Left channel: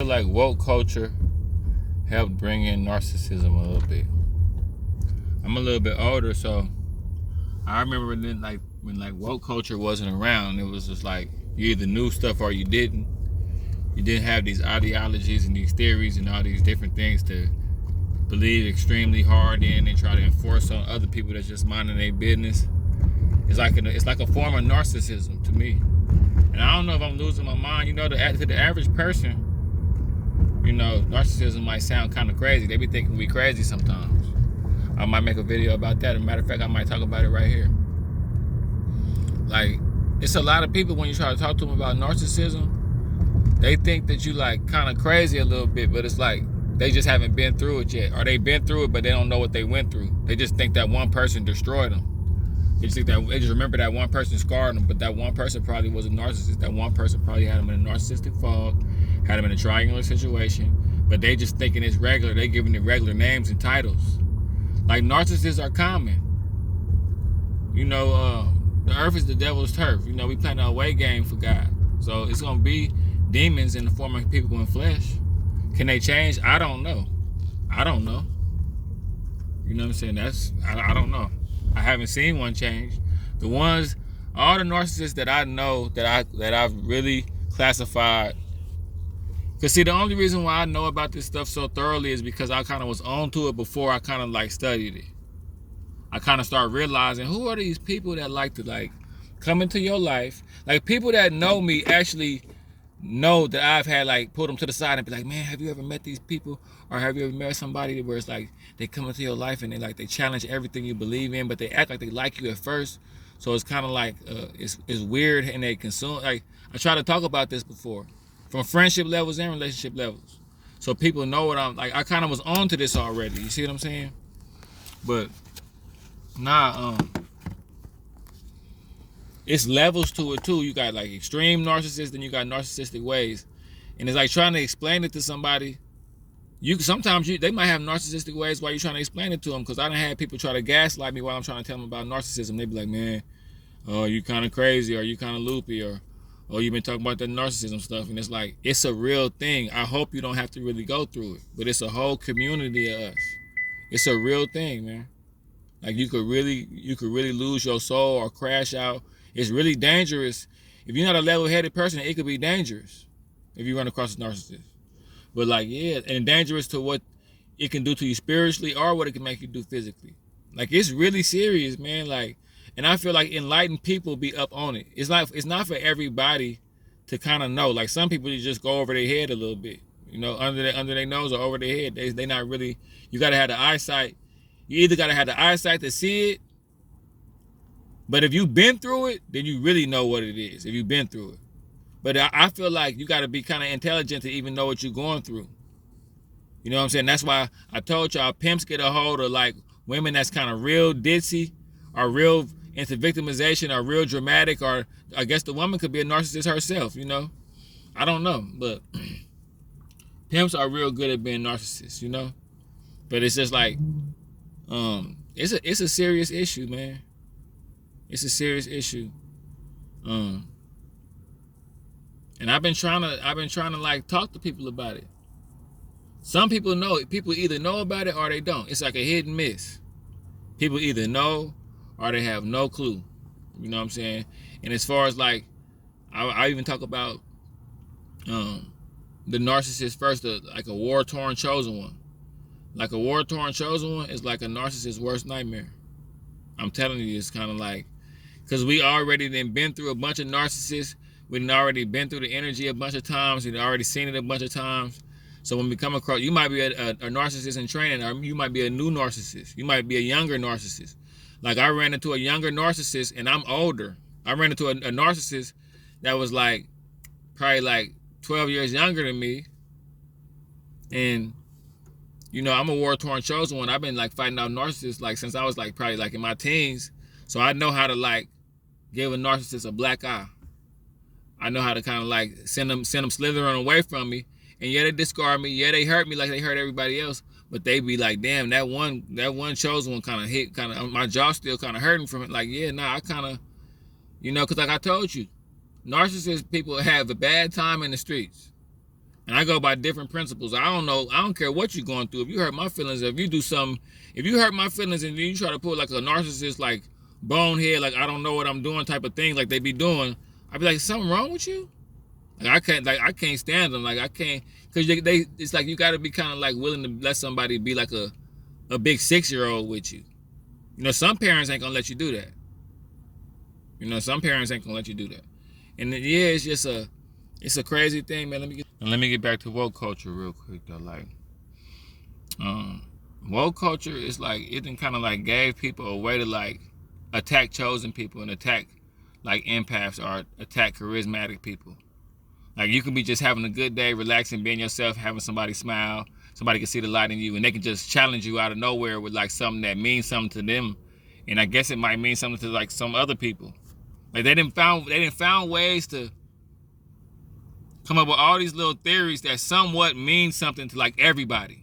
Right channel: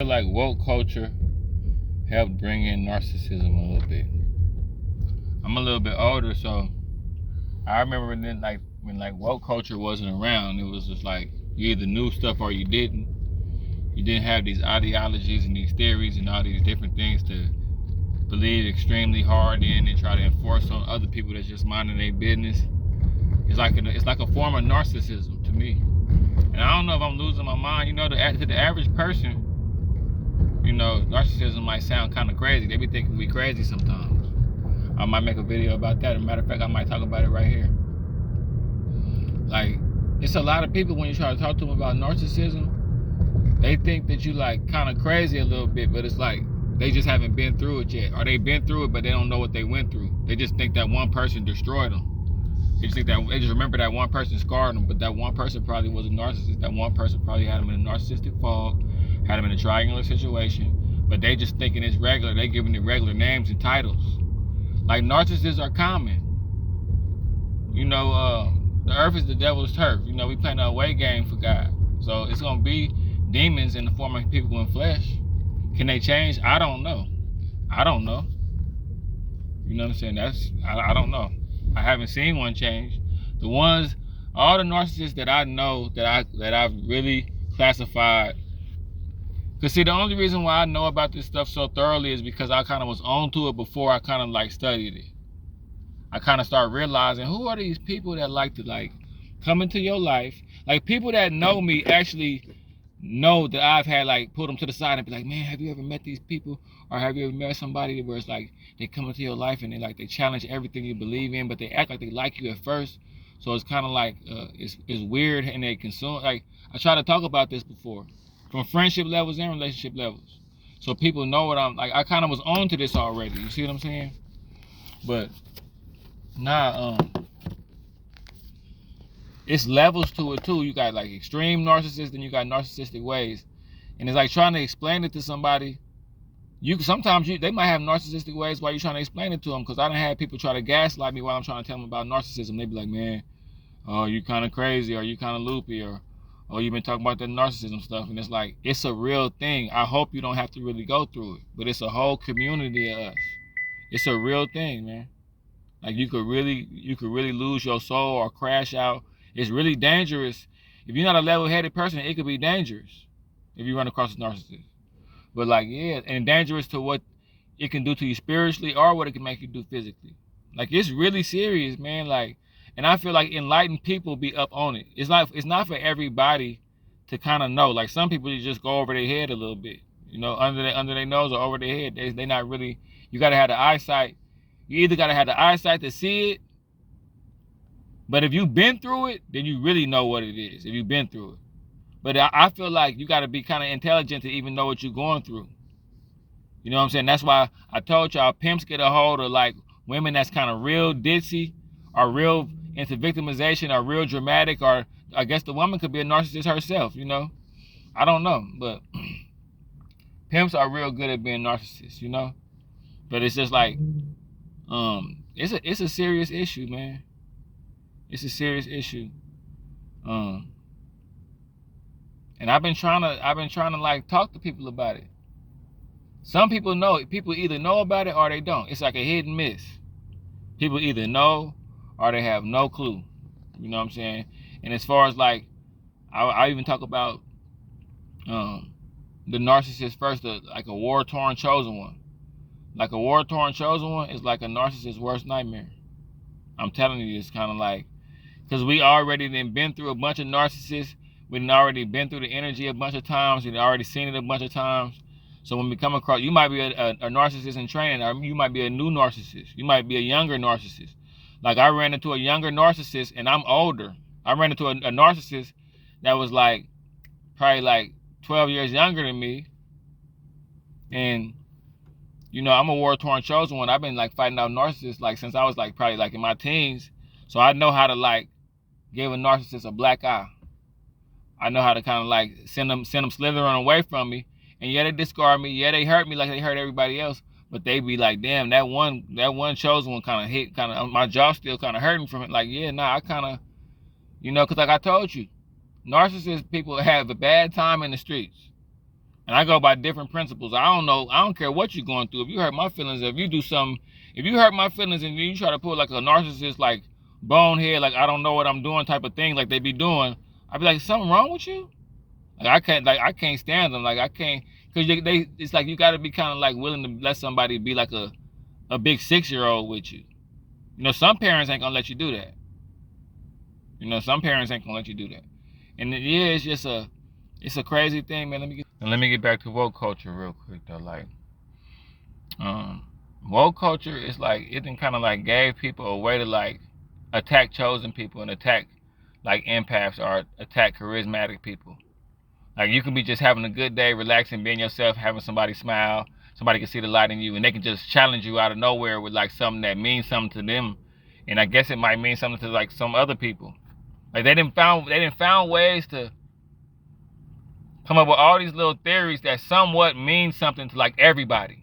feel like woke culture helped bring in narcissism a little bit. I'm a little bit older, so I remember when woke culture wasn't around. It was just like you either knew stuff or you didn't. You didn't have these ideologies and these theories and all these different things to believe extremely hard in and try to enforce on other people that's just minding their business. It's like a form of narcissism to me. And I don't know if I'm losing my mind. To the average person, narcissism might sound kind of crazy. They be thinking we crazy sometimes. I might make a video about that. As a matter of fact, I might talk about it right here. Like, it's a lot of people when you try to talk to them about narcissism, they think that you like kind of crazy a little bit, but it's like they just haven't been through it yet. Or they've been through it, but they don't know what they went through. They just think that one person destroyed them. They just remember that one person scarred them, but that one person probably was a narcissist. That one person probably had them in a narcissistic fog, had them in a triangular situation, but they just thinking it's regular. They giving it regular names and titles. Like, narcissists are common. The earth is the devil's turf. We playing a away game for God. So it's going to be demons in the form of people in flesh. Can they change? I don't know. You know what I'm saying? I don't know. I haven't seen one change. All the narcissists that I know that I've really classified. Because see, the only reason why I know about this stuff so thoroughly is because I kind of was on to it before I kind of like studied it. I kind of started realizing, who are these people that like to come into your life? Like, people that know me actually know that I've had put them to the side and be like, man, have you ever met these people? Or have you ever met somebody where it's like they come into your life and they challenge everything you believe in, but they act like they like you at first. So it's kind of like it's weird, and they consume. Like, I tried to talk about this before, from friendship levels and relationship levels, so people know what I'm like. I kind of was on to this already. You see what I'm saying? But it's levels to it too. You got extreme narcissists, then you got narcissistic ways, and it's like trying to explain it to somebody. They might have narcissistic ways while you're trying to explain it to them. Because I done had people try to gaslight me while I'm trying to tell them about narcissism. They be like, man, oh, you kind of crazy, or you kind of loopy, or oh, you've been talking about that narcissism stuff. And it's like, it's a real thing. I hope you don't have to really go through it, but it's a whole community of us. It's a real thing, man. Like, you could really lose your soul or crash out. It's really dangerous. If you're not a level-headed person, it could be dangerous if you run across a narcissist. But and dangerous to what it can do to you spiritually or what it can make you do physically. Like, it's really serious, man. And I feel like enlightened people be up on it. It's not for everybody to kind of know. Like, some people just go over their head a little bit, under their nose or over their head. They not really. You gotta have the eyesight. You either gotta have the eyesight to see it, but if you've been through it, then you really know what it is. If you've been through it. But I feel like you got to be kind of intelligent to even know what you're going through. You know what I'm saying? That's why I told y'all pimps get a hold of women that's kind of real ditzy or real into victimization or real dramatic, or I guess the woman could be a narcissist herself, I don't know. But pimps are real good at being narcissists, But it's just it's a serious issue, man. It's a serious issue. And I've been trying to talk to people about it. Some people know it. People either know about it or they don't. It's like a hit and miss. People either know or they have no clue. You know what I'm saying? And as far as I even talk about the narcissist first, like a war-torn chosen one. Like a war-torn chosen one is like a narcissist's worst nightmare. I'm telling you, it's kind of because we already been through a bunch of narcissists. We've already been through the energy a bunch of times. We've already seen it a bunch of times. So when we come across, you might be a narcissist in training, or you might be a new narcissist. You might be a younger narcissist. Like, I ran into a younger narcissist, and I'm older. I ran into a narcissist that was probably 12 years younger than me. And, I'm a war-torn chosen one. I've been fighting out narcissists since I was probably in my teens. So I know how to give a narcissist a black eye. I know how to kind of send them slithering away from me. And yeah, they discard me. Yeah, they hurt me like they hurt everybody else. But they be like, damn, that one chosen one kind of hit, my jaw still kind of hurting from it. I kind of, because I told you, narcissist people have a bad time in the streets. And I go by different principles. I don't know. I don't care what you're going through. If you hurt my feelings, if you do something, if you hurt my feelings and you try to put like a narcissist, like bonehead, like I don't know what I'm doing type of thing, like they be doing, I'd be like, something wrong with you? Like I can't stand them. Like I can't, cause it's like you got to be kind of like willing to let somebody be like a big 6-year-old with you. You know, some parents ain't gonna let you do that. You know, some parents ain't gonna let you do that. And yeah, it's a crazy thing, man. Let me get back to woke culture real quick though. Like, woke culture is like it then kind of like gave people a way to like attack chosen people and attack like empaths or attack charismatic people. Like you can be just having a good day, relaxing, being yourself, having somebody smile, somebody can see the light in you, and they can just challenge you out of nowhere with like something that means something to them, and I guess it might mean something to like some other people. Like they didn't found ways to come up with all these little theories that somewhat mean something to like everybody,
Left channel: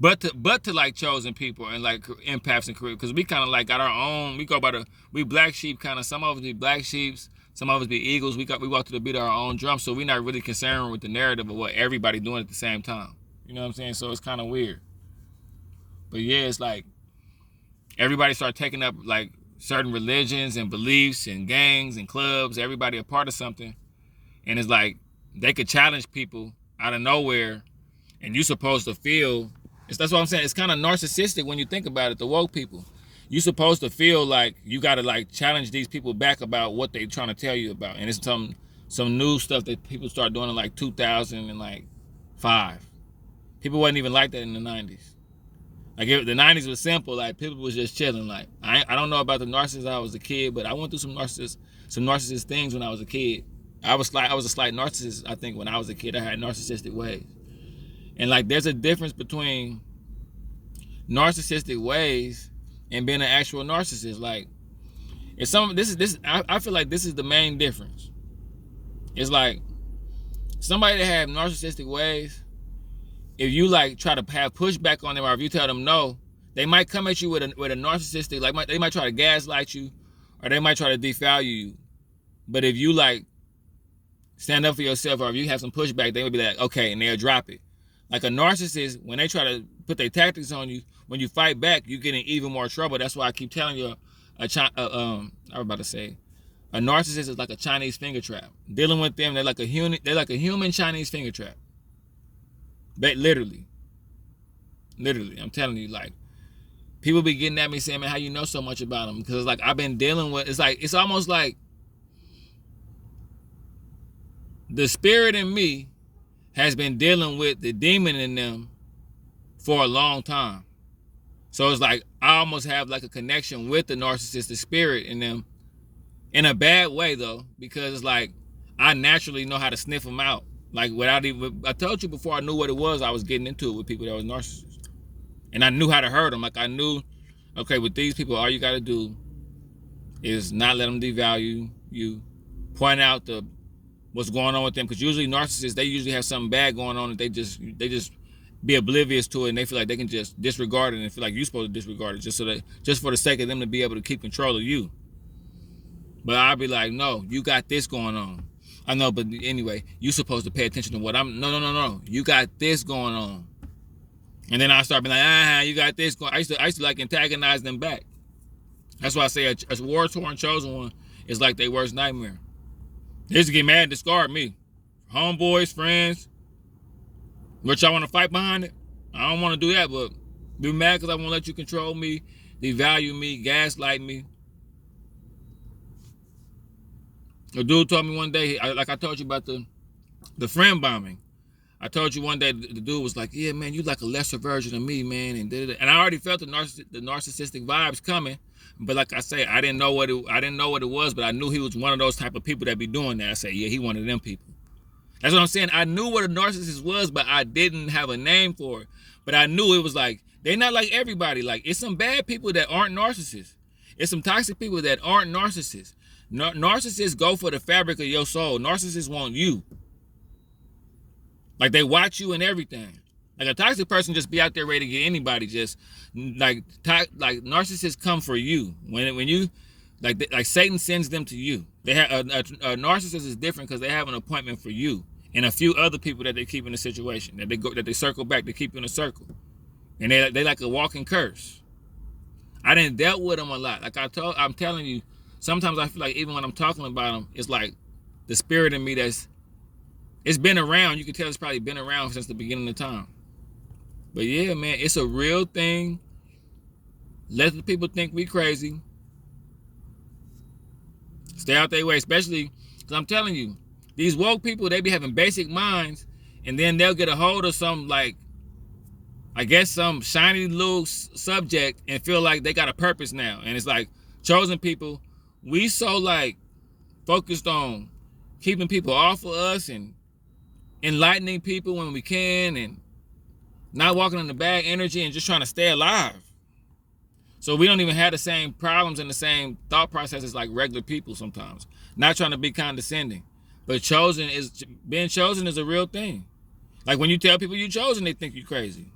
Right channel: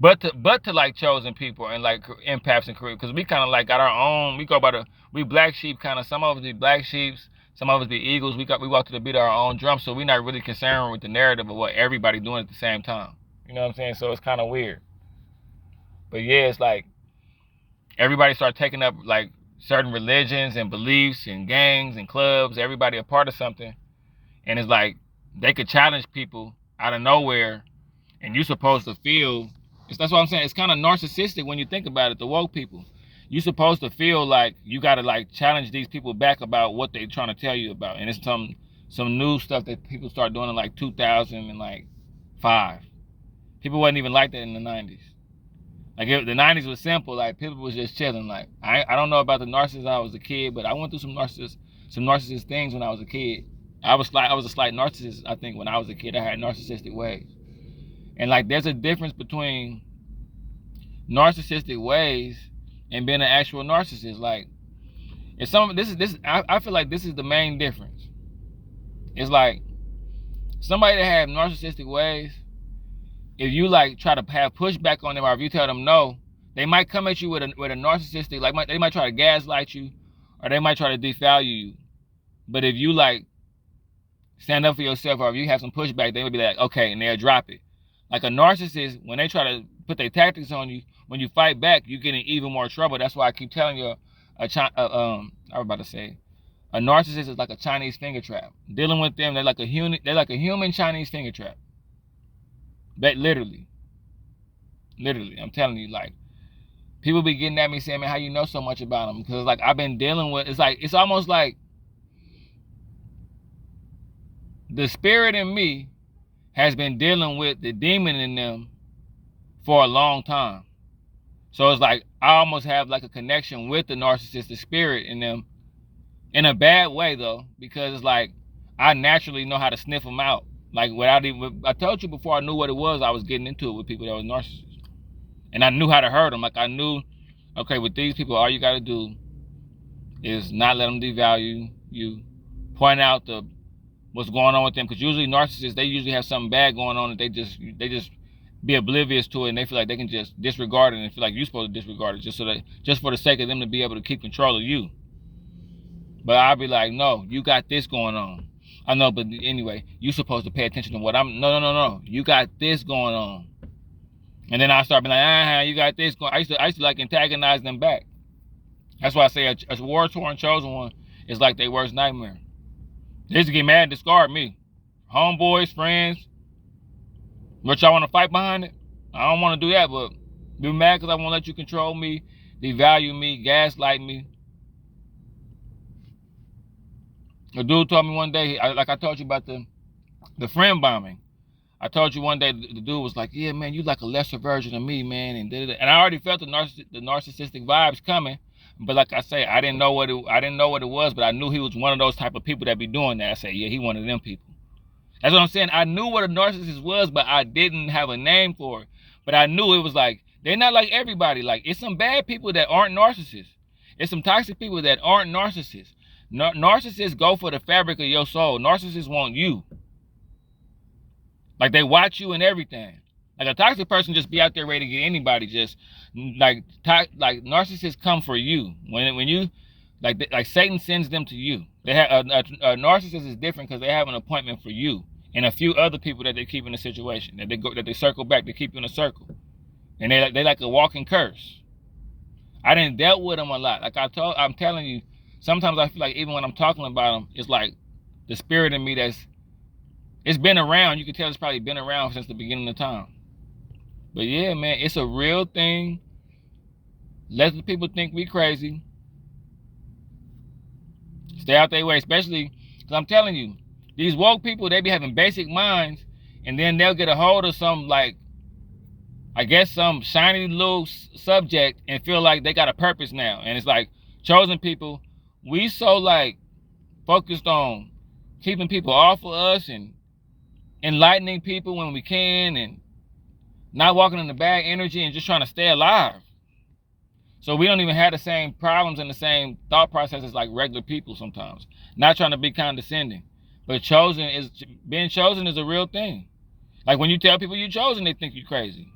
but to like chosen people and like empaths and career, because we kind of like got our own. We go by we black sheep kind of. Some of us be black sheeps, some of us be eagles. We walk to the beat of our own drum, so we're not really concerned with the narrative of what everybody doing at the same time. You know what I'm saying? So it's kind of weird. But yeah, it's like everybody start taking up like certain religions and beliefs and gangs and clubs. Everybody a part of something, and it's like they could challenge people out of nowhere, and you're supposed to feel. That's what I'm saying. It's kind of narcissistic when you think about it. The woke people, you're supposed to feel like you got to like challenge these people back about what they're trying to tell you about, and it's some new stuff that people start doing in like 2005. People wasn't even like that in the 90s. Like the 90s was simple. Like people was just chilling. Like I don't know about the narcissist I was a kid, but I went through some narcissist things when I was a kid. I was a slight narcissist. I think when I was a kid, I had narcissistic ways. And like there's a difference between narcissistic ways and being an actual narcissist. Like I feel like this is the main difference. It's like somebody that have narcissistic ways, if you like try to have pushback on them, or if you tell them no, they might come at you with a narcissistic, like they might try to gaslight you, or they might try to devalue you. But if you like stand up for yourself, or if you have some pushback, they would be like, okay, and they'll drop it. Like a narcissist, when they try to put their tactics on you, when you fight back, you get in even more trouble. That's why I keep telling you, I was about to say, a narcissist is like a Chinese finger trap. Dealing with them, they're like a human Chinese finger trap. But literally, I'm telling you, like, people be getting at me saying, man, how you know so much about them? Because like I've been dealing with, it's almost like the spirit in me has been dealing with the demon in them for a long time. So it's like I almost have like a connection with the narcissistic spirit in them, in a bad way though, because it's like I naturally know how to sniff them out. Like without even, I told you before I knew what it was, I was getting into it with people that was narcissists. And I knew how to hurt them. Like I knew, okay, with these people, all you got to do is not let them devalue you, point out what's going on with them, because usually narcissists, they usually have something bad going on that they just be oblivious to it, and they feel like they can just disregard it and feel like you're supposed to disregard it just for the sake of them to be able to keep control of you. But I'll be like, no, you got this going on. I know, but anyway, you're supposed to pay attention to what no, you got this going on. And then I start being like, you got this going. I used to like antagonize them back. That's why I say a war-torn chosen one is like their worst nightmare. They used to get mad and discard me. Homeboys, friends. What, y'all want to fight behind it? I don't want to do that, but be mad because I won't let you control me, devalue me, gaslight me. A dude told me one day, like I told you about the friend bombing. I told you one day the dude was like, yeah, man, you like a lesser version of me, man. And I already felt the narcissistic vibes coming. But like I say, I didn't know what it was, but I knew he was one of those type of people that be doing that. I say, yeah, he one of them people. That's what I'm saying. I knew what a narcissist was, but I didn't have a name for it. But I knew it was like, they're not like everybody. Like, it's some bad people that aren't narcissists. It's some toxic people that aren't narcissists. Narcissists go for the fabric of your soul. Narcissists want you. Like, they watch you and everything. Like, a toxic person just be out there ready to get anybody. Just like narcissists come for you. When you like Satan sends them to you. They have a narcissist is different because they have an appointment for you. and a few other people that they keep in the situation, that they circle back, they keep in a circle. And they like a walking curse. I didn't dealt with them a lot. Like I'm telling you, sometimes I feel like even when I'm talking about them, it's like the spirit in me it's been around. You can tell it's probably been around since the beginning of time. But yeah, man, it's a real thing. Let the people think we crazy. Stay out their way, especially because I'm telling you, these woke people, they be having basic minds, and then they'll get a hold of some, like, I guess some shiny little subject and feel like they got a purpose now. And it's like, chosen people, we so like focused on keeping people off of us and enlightening people when we can and not walking in the bad energy and just trying to stay alive. So we don't even have the same problems and the same thought processes like regular people sometimes. Not trying to be condescending. But being chosen is a real thing. Like when you tell people you're chosen, they think you're crazy.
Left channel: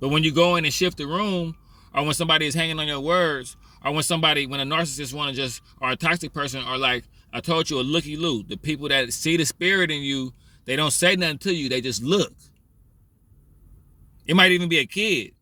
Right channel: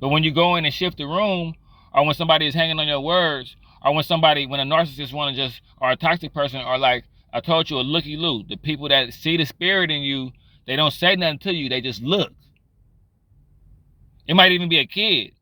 But when you go in and shift the room, or when somebody is hanging on your words, or when a narcissist or a toxic person, or like I told you, a looky-loo, the people that see the spirit in you, they don't say nothing to you, they just look. It might even be a kid.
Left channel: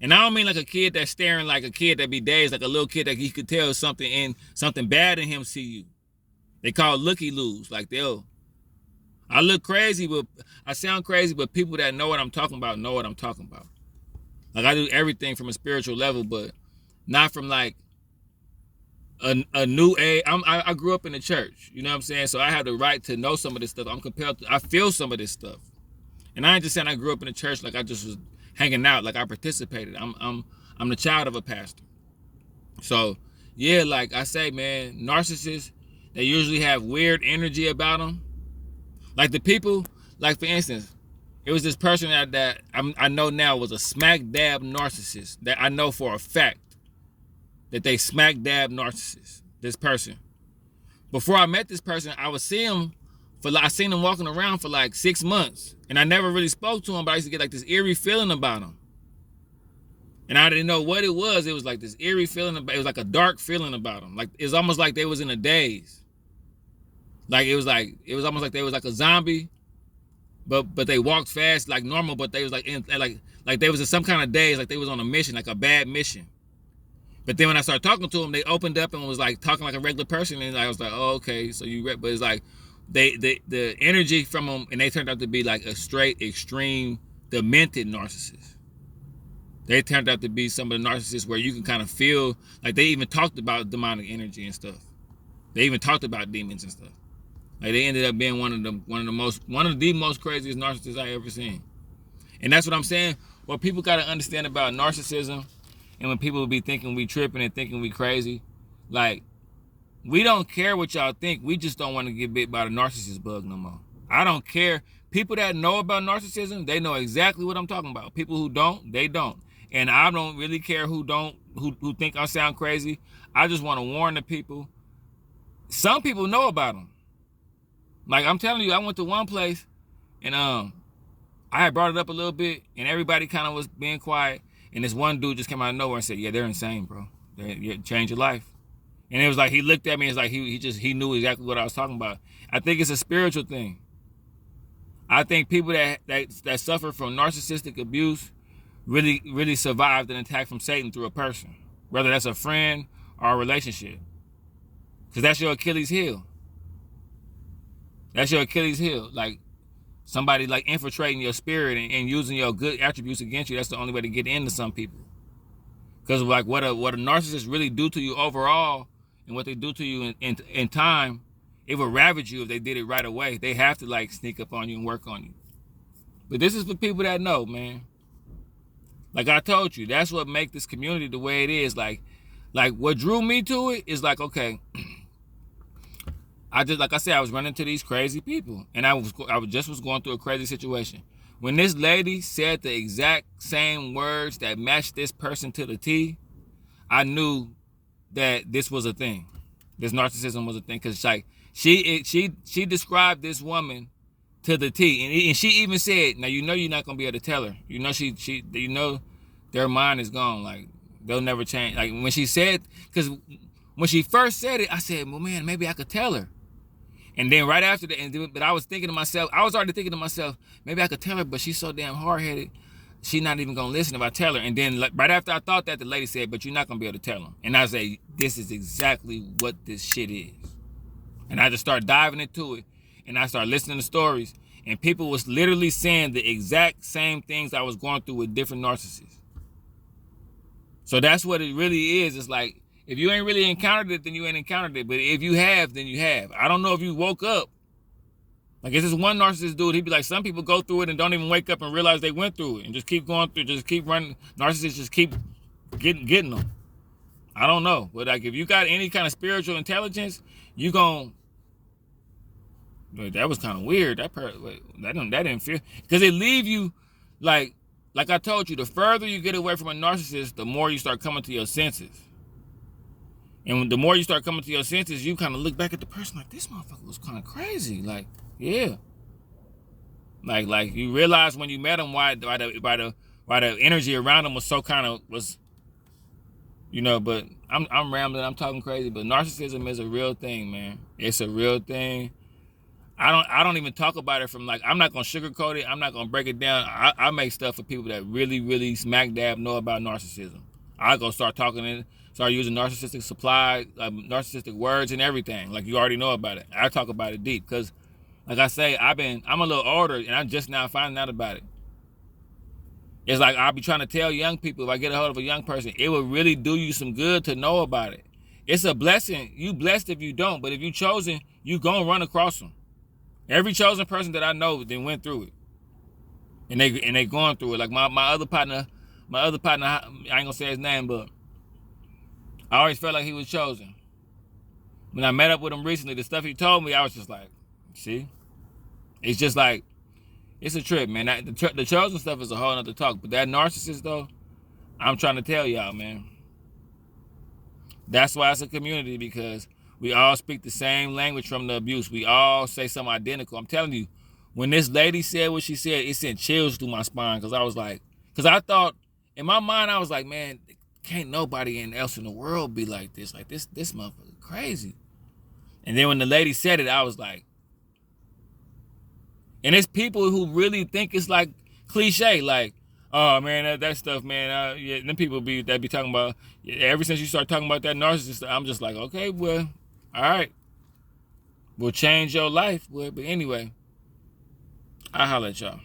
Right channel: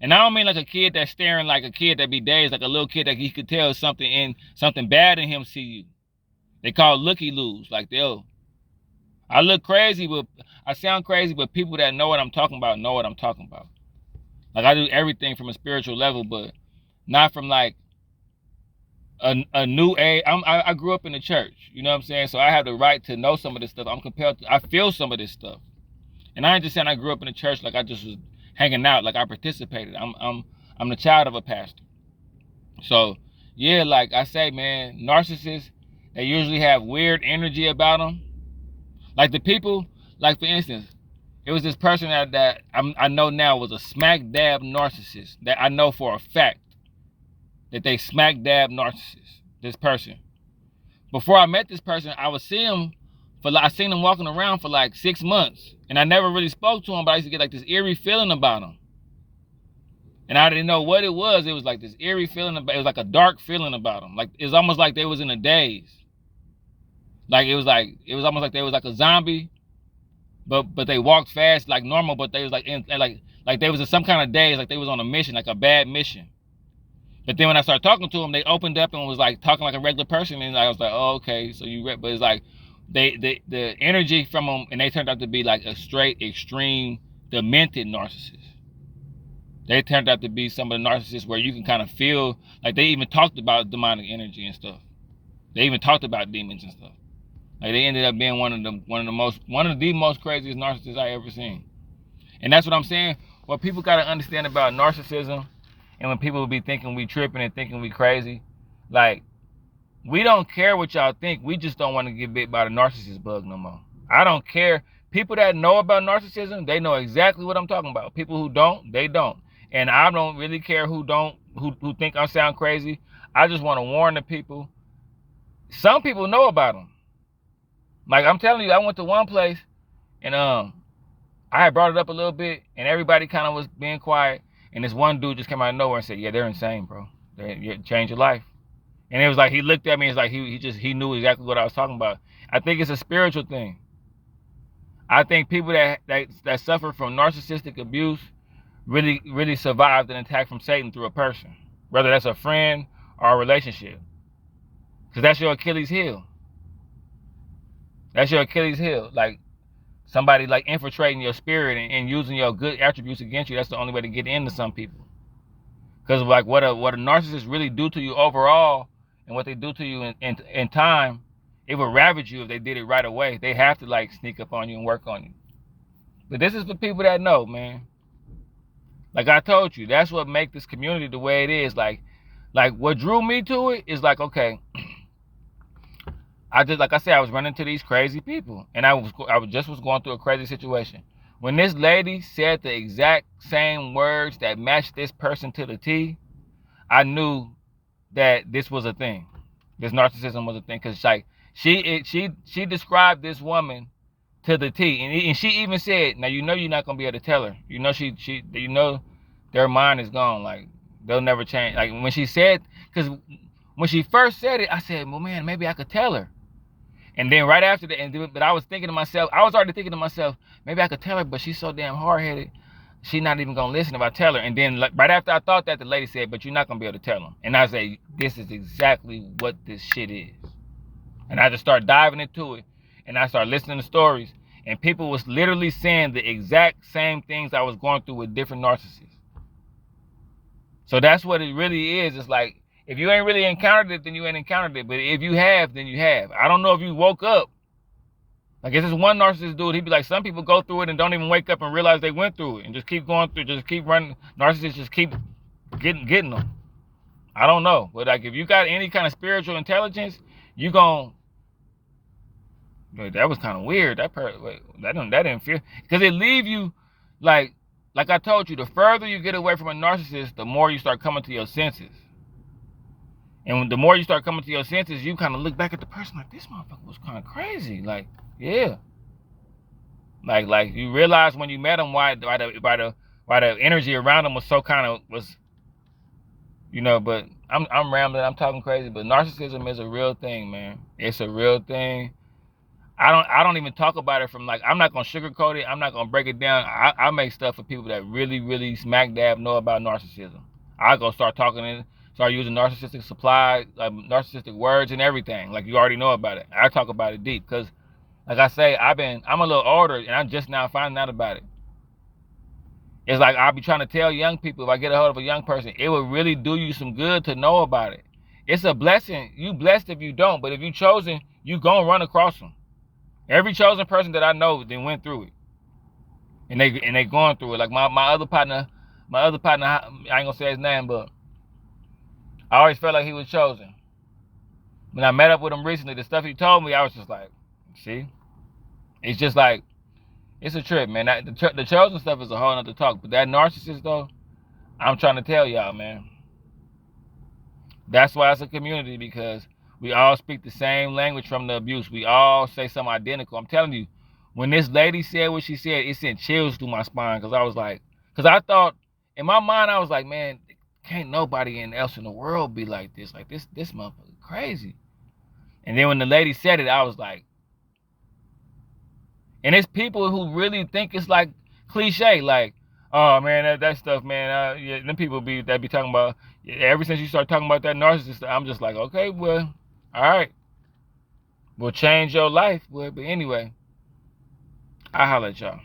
And I don't mean like a kid that's staring, like a kid that be dazed, like a little kid that he could tell something bad in him see you. They call it looky-loos. Like I look crazy, but I sound crazy, but people that know what I'm talking about know what I'm talking about. Like I do everything from a spiritual level, but not from like a new age. I grew up in the church, you know what I'm saying? So I have the right to know some of this stuff. I feel some of this stuff. And I ain't just saying I grew up in the church like I just was hanging out, like I participated. I'm the child of a pastor. So yeah, like I say, man, narcissists, they usually have weird energy about them. Like the people, like for instance, it was this person that I know now was a smack dab narcissist, that I know for a fact that they smack dab narcissist, this person. Before I met this person, I seen him walking around for like 6 months, and I never really spoke to him, but I used to get like this eerie feeling about him. And I didn't know what it was. It was like this eerie feeling, it was like a dark feeling about him. Like it's almost like they was in a daze. Like it was almost like they was like a zombie, but they walked fast like normal, but they was like like they was in some kind of daze, like they was on a mission, like a bad mission. But then when I started talking to them, they opened up and was like talking like a regular person, and I was like, oh, okay, so but it's like the energy from them, and they turned out to be like a straight extreme demented narcissist. They turned out to be some of the narcissists where you can kind of feel like they even talked about demonic energy and stuff. They even talked about demons and stuff. Like they ended up being one of the most craziest narcissists I ever seen. And that's what I'm saying. What people got to understand about narcissism, and when people be thinking we tripping and thinking we crazy, like we don't care what y'all think. We just don't want to get bit by the narcissist bug no more. I don't care. People that know about narcissism, they know exactly what I'm talking about. People who don't, they don't. And I don't really care who think I sound crazy. I just want to warn the people. Some people know about them. Like I'm telling you, I went to one place and I had brought it up a little bit, and everybody kind of was being quiet, and this one dude just came out of nowhere and said, yeah, they're insane, bro. They change your life. And it was like he looked at me, it's like he knew exactly what I was talking about. I think it's a spiritual thing. I think people that suffer from narcissistic abuse really survived an attack from Satan through a person, whether that's a friend or a relationship. Because that's your Achilles heel. That's your Achilles heel. Like somebody like infiltrating your spirit and using your good attributes against you. That's the only way to get into some people. Because like what a narcissist really do to you overall, and what they do to you in time, it would ravage you if they did it right away. They have to like sneak up on you and work on you. But this is for people that know, man. Like I told you, that's what makes this community the way it is. Like what drew me to it is like, okay, I was running to these crazy people, and I was going through a crazy situation. When this lady said the exact same words that matched this person to the T, I knew that this was a thing. This narcissism was a thing, because like she described this woman to the T, and she even said, now you know you're not gonna be able to tell her. You know their mind is gone. Like they'll never change. Like when she said, because when she first said it, I said, well, man, maybe I could tell her. And then right after that, but I was already thinking to myself, maybe I could tell her, but she's so damn hard-headed, she's not even gonna listen if I tell her. And then right after I thought that, the lady said, but you're not gonna be able to tell them. And I say, this is exactly what this shit is. And I just start diving into it, and I start listening to stories, and people was literally saying the exact same things I was going through with different narcissists. So that's what it really is. It's like, if you ain't really encountered it, then you ain't encountered it. But if you have, then you have. I don't know if you woke up. Like, it's this one narcissist dude, he'd be like, some people go through it and don't even wake up and realize they went through it and just keep going through, just keep running. Narcissists just keep getting them. I don't know. But like, if you got any kind of spiritual intelligence, you gon', that was kind of weird. That didn't feel, because it leave you like I told you, the further you get away from a narcissist, the more you start coming to your senses. And the more you start coming to your senses, you kind of look back at the person like, this motherfucker was kind of crazy. Like, yeah. Like you realize when you met him why the energy around him was so kind of was, you know. But I'm rambling, I'm talking crazy. But narcissism is a real thing, man. It's a real thing. I don't even talk about it from, like, I'm not gonna sugarcoat it. I'm not gonna break it down. I make stuff for people that really, really smack dab know about narcissism. I go start using narcissistic narcissistic words and everything. Like, you already know about it. I talk about it deep because, like I say, I'm a little older and I'm just now finding out about it. It's like, I'll be trying to tell young people, if I get a hold of a young person, it will really do you some good to know about it. It's a blessing. You blessed if you don't, but if you chosen, you gonna run across them. Every chosen person that I know then went through it. And they going through it. Like my other partner, I ain't gonna say his name, but I always felt like he was chosen. When I met up with him recently, the stuff he told me, I was just like, see? It's just like, it's a trip, man. The chosen stuff is a whole nother talk. But that narcissist, though, I'm trying to tell y'all, man. That's why it's a community, because we all speak the same language from the abuse. We all say something identical. I'm telling you, when this lady said what she said, it sent chills through my spine, because I thought, in my mind, I was like, man, can't nobody else in the world be like this. Like, this motherfucker crazy. And then when the lady said it, I was like, and it's people who really think it's like cliche, like, oh man, that stuff, man. Yeah, them people be talking about. Ever since you start talking about that narcissist, I'm just like, okay, well, all right, we'll change your life, well, but anyway, I'll holler at y'all.